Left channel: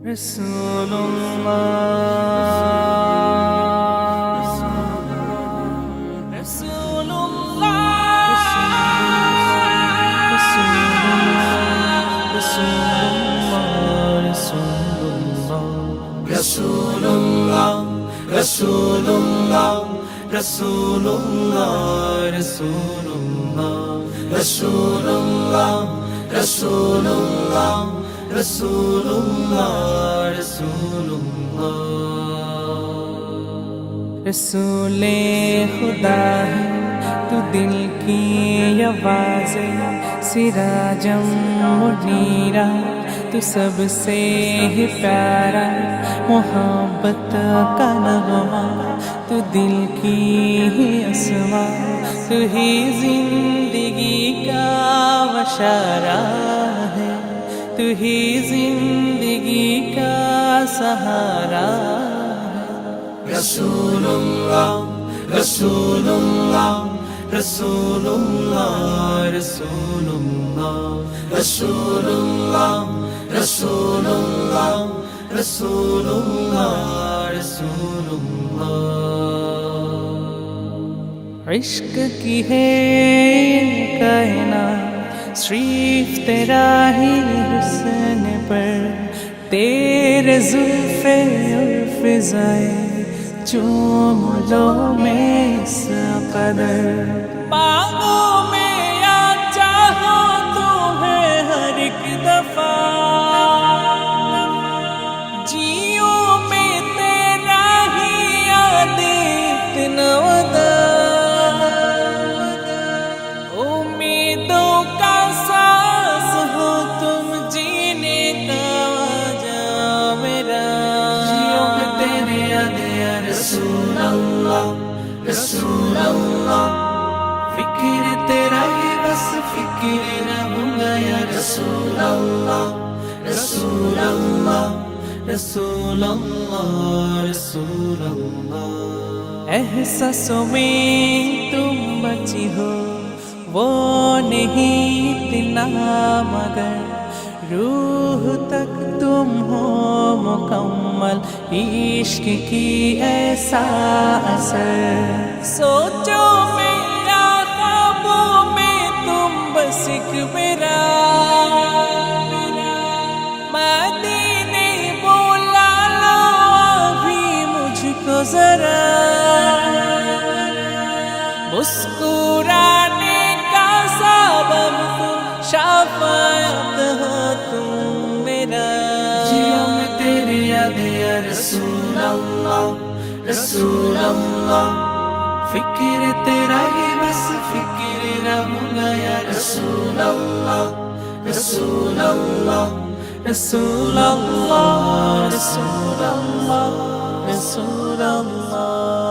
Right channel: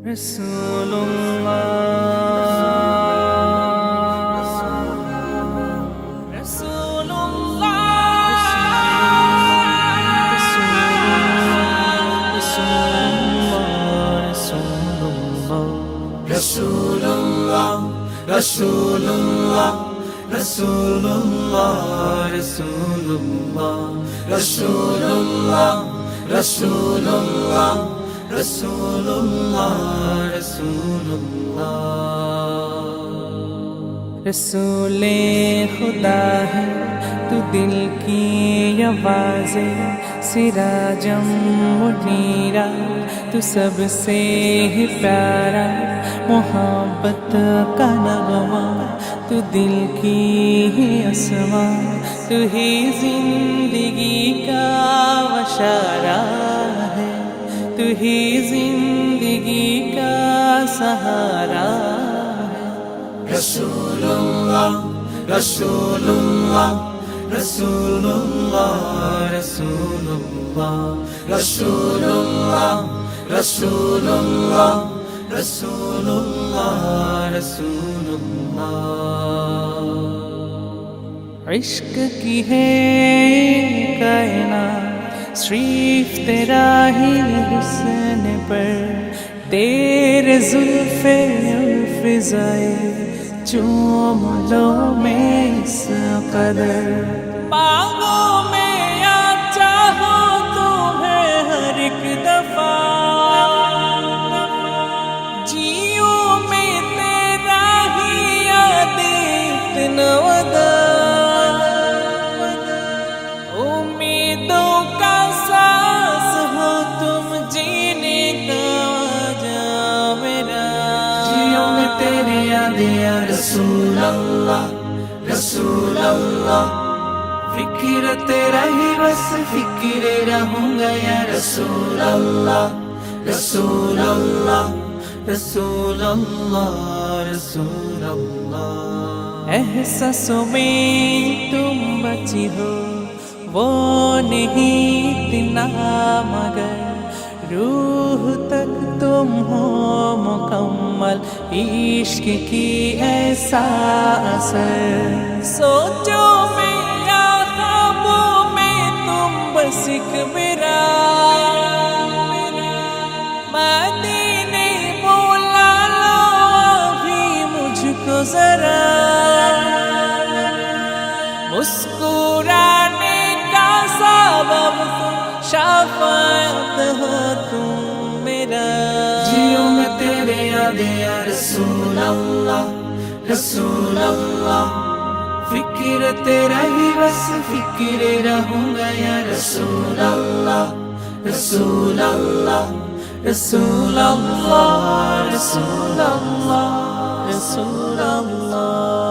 رسول اللہ رسول اللہ رسول اللہ رسول اللہ رسول اللہ رسول اللہ رسول اللہ رسول اللہ رسول اللہ رسول اللہ رسول اللہ رسول اللہ رسول خدا ہے تو دل کی آواز سراجم منیرا تو سب سے ہی پیارا محبت کا نغمہ تو دل کی ہی اسماء تو ہی زندگی کا وشارہ ہے تو ہی زندگی کا سہارا ہے رسول اللہ رسول اللہ رسول اللہ رسول اللہ رسول اللہ رسول اللہ رسول اللہ رسول اللہ عشق کی ہے کائنات صرف تیرا ہی حسن پر تیرے زلف اور فضائے چوم لو میں اس قدر مانگو میں یا چاہو تمہیں ہر ایک دفعہ جیو میں تیرا ہی یاد اتنا ودا امیدوں کا ساس ہو تم جینے کا وجہ میرا جیو میں تیری یاد یا رسول اللہ رسول اللہ فکر تیرا ہی بس فکر رہوں گا یا رسول اللہ رسول اللہ رسول اللہ رسول اللہ احساسوں میں تم بچی ہو وہ نہیں اتنا مگر روح تک تم ہو مکمل عشق کی ایسا اثر سوچو میرا خوابوں میں تم بس ایک میرا مدینے بولا لو ابھی مجھ کو ذرا مسکرانے کا سبب تم شفاعت ہو تم میرا جیو میں تیری یاد یا رسول اللہ رسول اللہ فکر تیرا ہی بس فکر رہوں گا یا رسول اللہ رسول اللہ رسول اللہ رسول اللہ رسول اللہ